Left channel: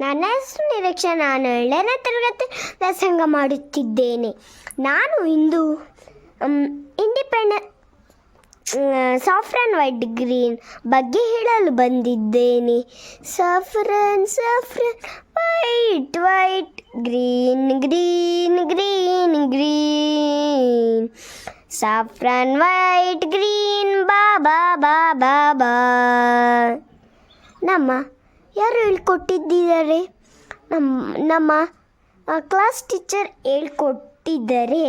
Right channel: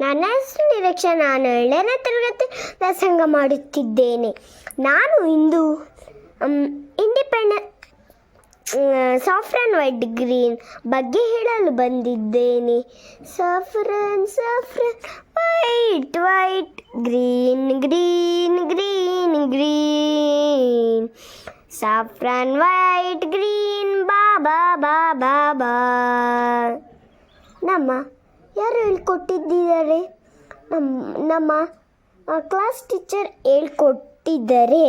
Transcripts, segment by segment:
ನನ್ನ ಹೆಸರು ನಿರೀಕ್ಷೆ. ನಾನು 7ನೇ ತರಗತಿ ವ್ಯಾಸಂಗ ಮಾಡುತ್ತಿದ್ದೇನೆ. ನಾನು ಇಂದು ಇಂಡಿಪೆಂಡೆಂಟ್ ಸಾಫ್ರನ್ ವೈಟ್ ಗ್ರೀನ್ ಬಗ್ಗೆ ಹೇಳಲು ಬಂದಿದ್ದೇನೆ. Saffron white white green green green green. Saffron white green ಬಾಬಾ ಬಾಬಾ ಬಾ. ಯಾರು ಹೇಳ್ಕೊಟ್ಟಿದ್ದಾರೆ? ನಮ್ಮ ಕ್ಲಾಸ್ ಟೀಚರ್ ಹೇಳ್ಕೊಟ್ಟಿದ್ದಾರೆ.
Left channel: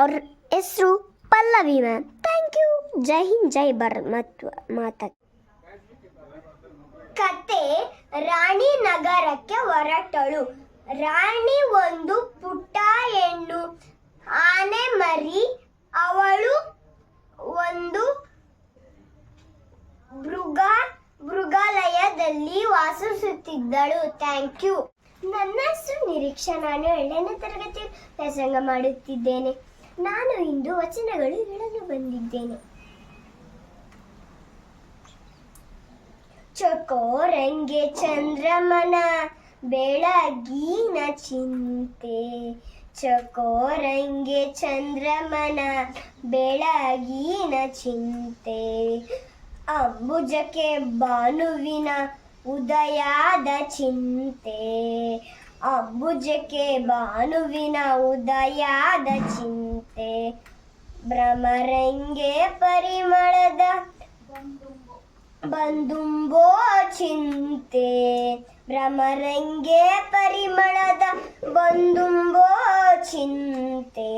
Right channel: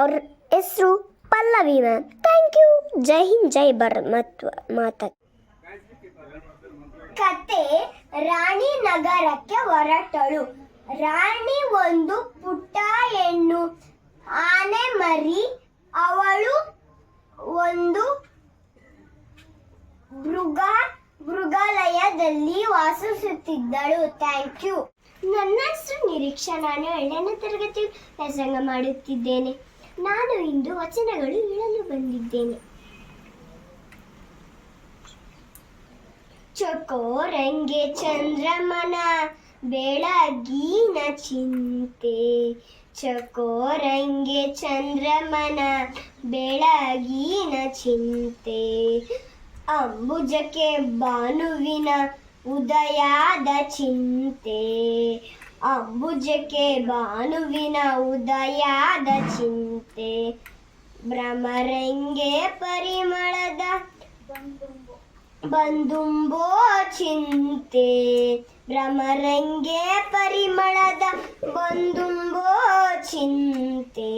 ಅವ್ರ ಹೆಸರು ಪಲ್ಲವಿ ಮ್ಯಾಮ್. Thank you. ಜೈ ಹಿಂದ್, ಜೈ ಭಾರತ್ ಮಾತಾ. ಕತೆ: ರಾಣಿ ನಗರಕ್ಕೆ ಹೊರಟಳು. ರಾಣಿ ಒಂದು ಪುಟ್ಟ ಹೆಣ್ಣು ಆನೆ ಮರಿ. ಅವಳು ಒಂದು ಮೃಗಾಲಯದಲ್ಲಿ ವಾಸಿಸುತ್ತಿದ್ದಳು. Thank you. ನನ್ನ ಹೆಸರು ನಿರೀಕ್ಷಾ. ನಾನು 7ನೇ ತರಗತಿ ವ್ಯಾಸಂಗ ಮಾಡುತ್ತಿದ್ದೇನೆ. ನಾನು ಇಂದು ವಚನಗಳು ಹೇಳಲು ಬಂದಿದ್ದೇನೆ. ಚಕೋರಂಗೆ ಚಂದ್ರಮನ ಬೆಳಗಿನ ಚಿಂತೆ. ಚಕೋರಂಗೆ ಚಂದ್ರಮನ ಬೆಳಗಿನ ಚಿಂತೆ. ಅಂಬುಜಕ್ಕೆ ಭಾನುವಿನ ಉದಯದ ಚಿಂತೆ. ಅಂಬುಜಕ್ಕೆ ಭಾನುವಿನ ಉದಯದ ಚಿಂತೆ. ಭ್ರಮರಂಗೆ ಪರಿಮಳದ ಬಂದುಂಬೋ ಚಿಂತೆ. ಭ್ರಮರಂಗೆ ಪರಿಮಳದ ಬಂದುಂಬೋ ಚಿಂತೆ.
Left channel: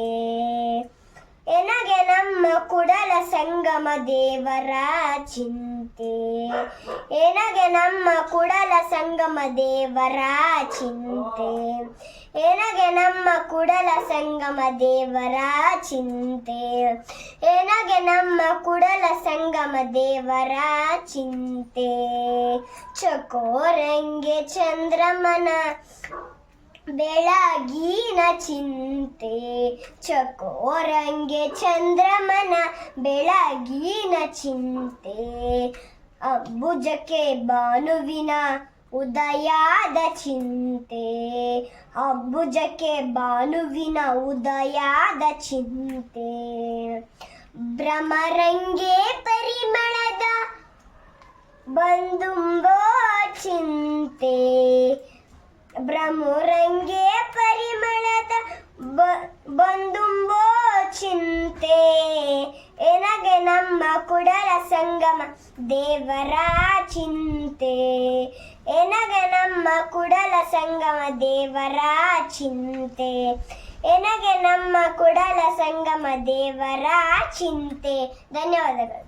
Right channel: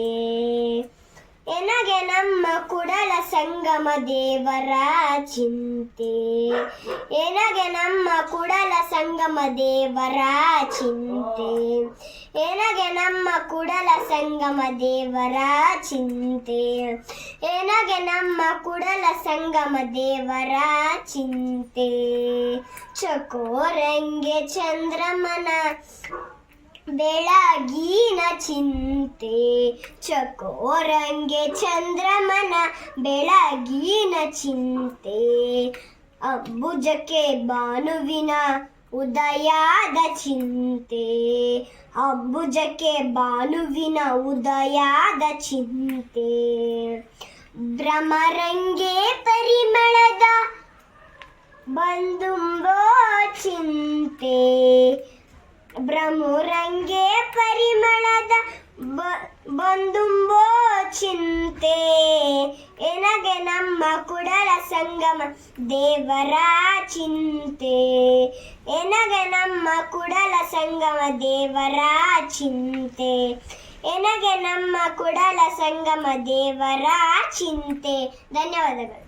ಎನಗೆ ನಮ್ಮ ಕುಡಲ ಸಂಗಮ ದೇವರ ಚಿಂತೆ. ಎನಗೆ ನಮ್ಮ ಕುಡಲ ಸಂಗಮ ದೇವರ ಚಿಂತೆ. ಎನಗೆ ನಮ್ಮ ಕುಡಲ ಸಂಗಮ ದೇವರ ಚಿಂತೆ. ಎನಗೆ ನಮ್ಮ ಕುಡಲ ಸಂಗಮ ದೇವರ ಚಿಂತೆ. ಚಕೋರಂಗೆ ಚಂದ್ರಮನ ಬೆಳಗಿನ ಚಿಂತೆ. ಚಕೋರಂಗೆ ಚಂದ್ರಮನ ಬೆಳಗಿನ ಚಿಂತೆ. ಅಂಬುಜಕ್ಕೆ ಭಾನುವಿನ ಉದಯದ ಚಿಂತೆ. ಅಂಬುಜಕ್ಕೆ ಭಾನುವಿನ ಉದಯದ ಚಿಂತೆ. ಭ್ರಮರಂಗೆ ಪರಿಮಳದ ಬಂದುಂಬೋ ಚಿಂತೆ. ಭ್ರಮರಂಗೆ ಪರಿಮಳದ ಬಂದುಂಬೋ ಚಿಂತೆ. ಎನಗೆ ನಮ್ಮ ಕುಡಲ ಸಂಗಮ ದೇವರ ಚಿಂತೆ. ಎನಗೆ ನಮ್ಮ ಕುಡಲ ಸಂಗಮ ದೇವರ ಚಿಂತೆ. ಎನಗೆ ನಮ್ಮ ಕುಡಲ ಸಂಗಮ ದೇವರ ಚಿಂತೆ. ಧನ್ಯವಾದಗಳು.